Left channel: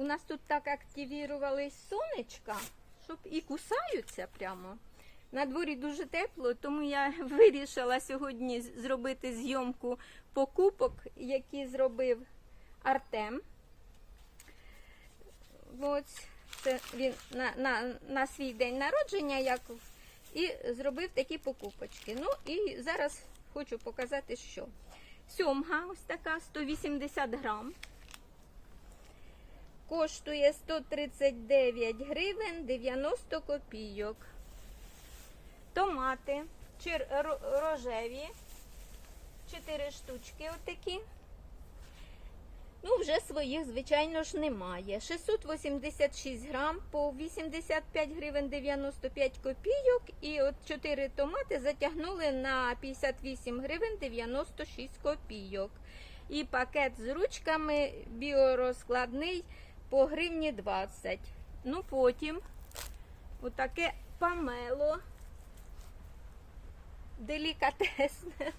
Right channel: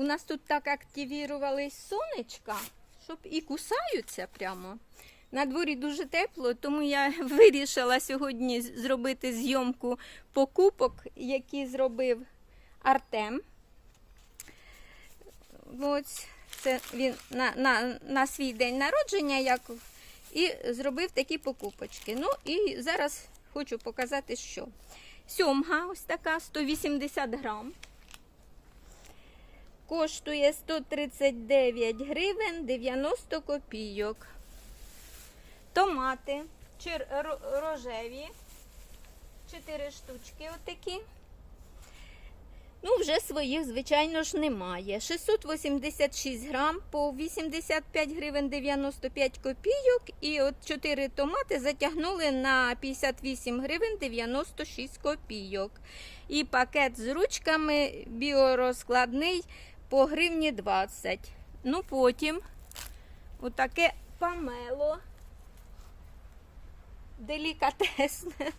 у нас тут так активірувались сонечка, щоб і кусаються прямо. На дворі дуже тепло, тому я вирішила сьогодні зробити зйомку покупок, які зробив Артем. Ось це він на, на, на свій день народження як, і зробив такі покупочки. Ну і зараз хочу показати, що. Сьомга ось така 180 грам. Коштує 139 гривень 90 копійок. Томати рожеві. 4 штучки отакі. Ну, вже своїх, звичайно ж, немає. 686 грам по 85 гривень 95 копійок. І от 4 томати затягнули на 58 гривень 96 копійок. І пакет з ручками біорозкладний по гривні 20. Ну, потім отаке памело. Делікатесне.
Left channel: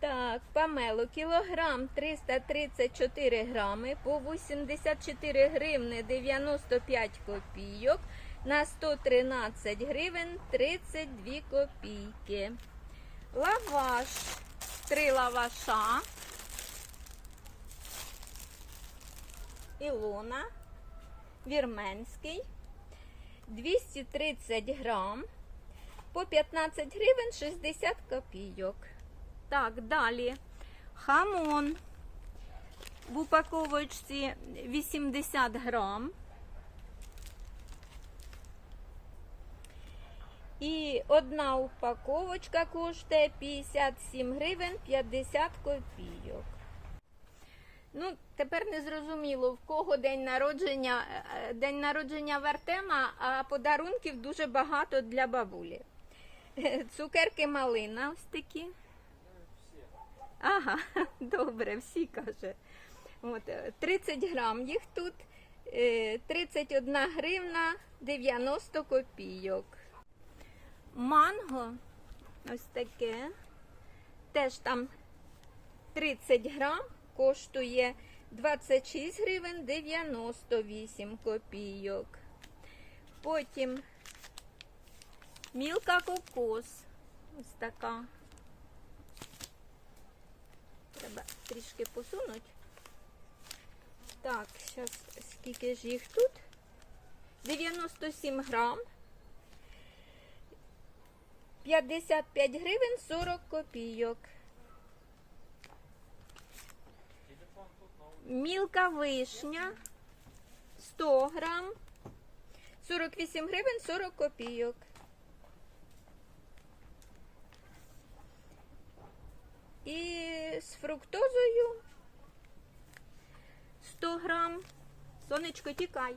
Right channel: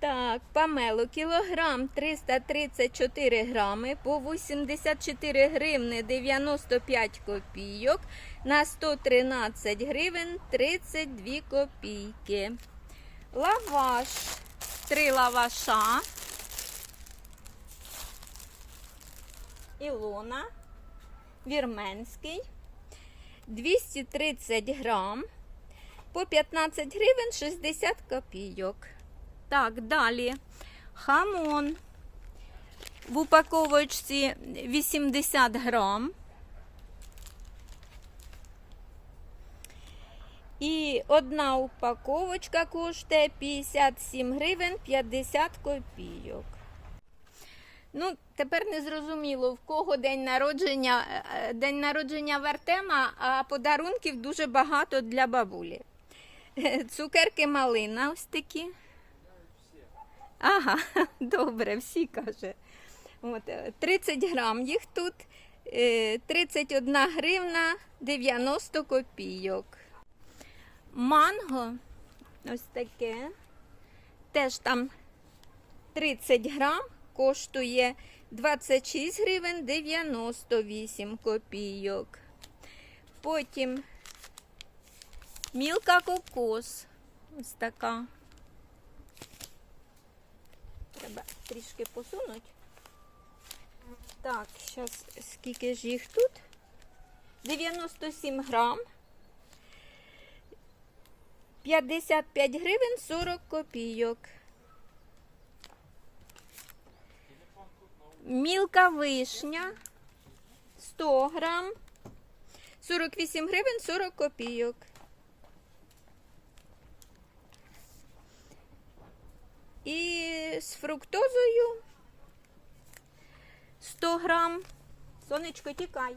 Так, памело, кілограм 334 грами по 84 гривни 95 копійок на 113 гривень 32 копійки. Лаваш, три лаваша. Ілона, вірменський, 230 грам по 15 гривень 60 копійок. Так, далі. Хамон. В упаковочці 80 грам. І одна упаковочка коштує 57 гривень 50 копійок. Ну, тепер не зрозуміло, в кого день народження, е, день народження в Артема, а подарунків дуже багато для бабулі. Цукерки малина ось такі. Ага, добре, всі каже. От, е, 30 грам їх тут, е, 31 гривна 90 копійок. Манго, ось таке, теж там 30 грам, коштує 26 гривень 98 копійок. Потім мілка кокос, ось така. Треба трішки посунути. Так, зараз скільки ж їх тут? 97 грам. 55 гривень 40 копійок. Мілка вишня 100 грам. 48 гривень 40 копійок. І з фруктозою 100 грам. Сонечко, тікай.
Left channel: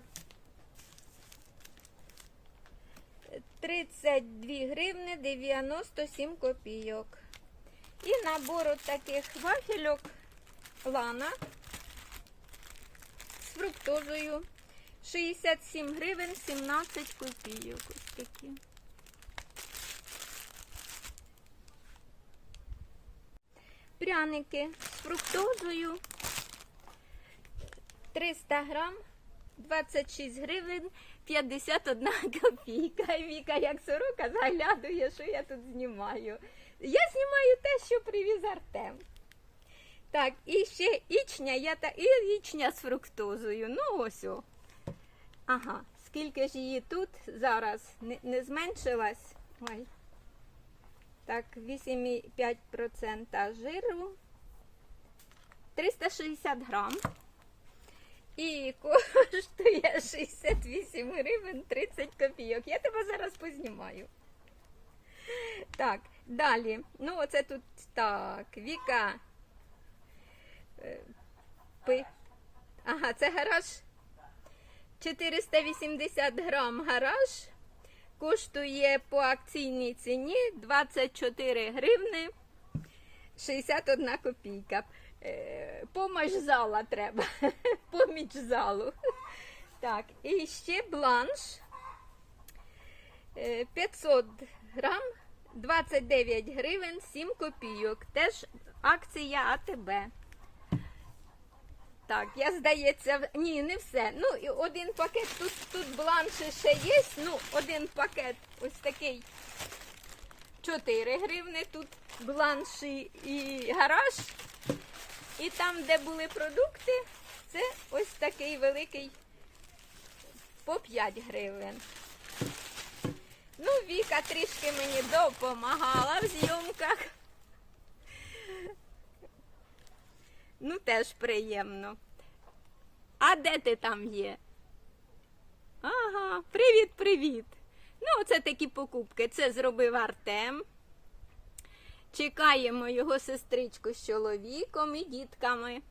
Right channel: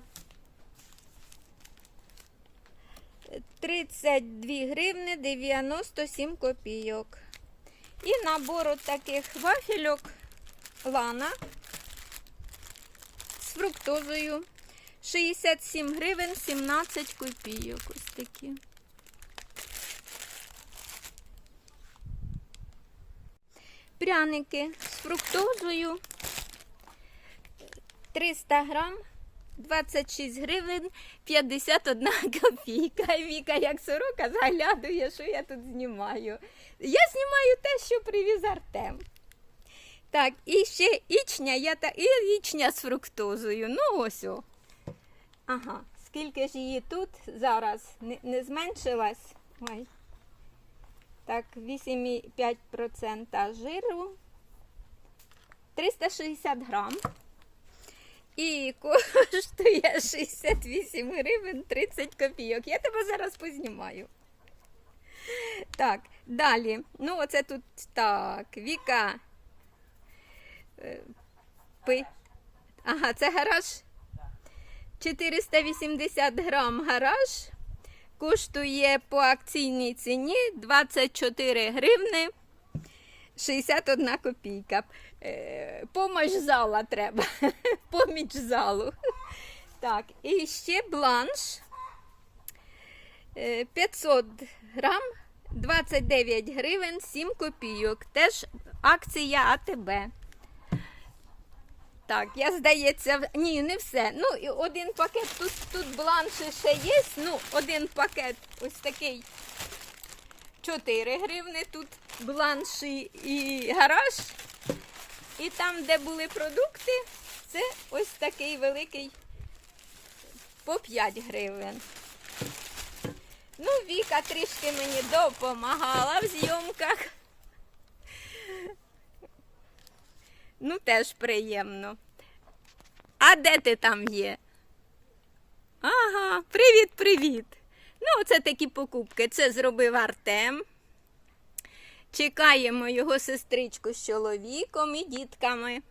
32 гривни 97 копійок. І набор от таких вафельок лана фруктозою 67 гривень 17 копійок. Ось такі. Пряники з фруктозою 300 грам 26 гривень 51 копійка. Віка, як сорока, заглядує, що я тут знімаю. Я знімаю те, що привіз Артем. Так, і ще ічня, я та і ічня з фруктозою. Ну ось о. Ага, скільки ж її тут зараз не, не зменшилась? Ой. Так, 8,5% жиру. 360 грам. І коштує 68 гривень 30 копійок. Я тебе зараз познімаю. Так, далі. Ну, оце тут так. Віка. Е, Пи. Ага, це гараж. 480 грам гараж. Коштує по акційній ціні 24 гривни 61 копійка. Е, Помощь зала треба. Поміч залу. Так, і ще бланш. Е, 500 грам, 29 гривень, 7 копійок. Теж акція АТБ. Так, я здається, ні, не все. Ну, і один пакет, тут, тут бланші ще є. Ну, один пакет ось такий 4 гривни, тут бланші і гараж. І там, де були продукти, це ось такий великий по 5 гривень. Ну, Віка трішки мені допомагала в зйомках. Ну, теж приємно. А де ти там є? Ага, привіт, привіт. Ну, це такі покупки. Це зробив Артем. Чекаємо його сестричку з чоловіком і дітками.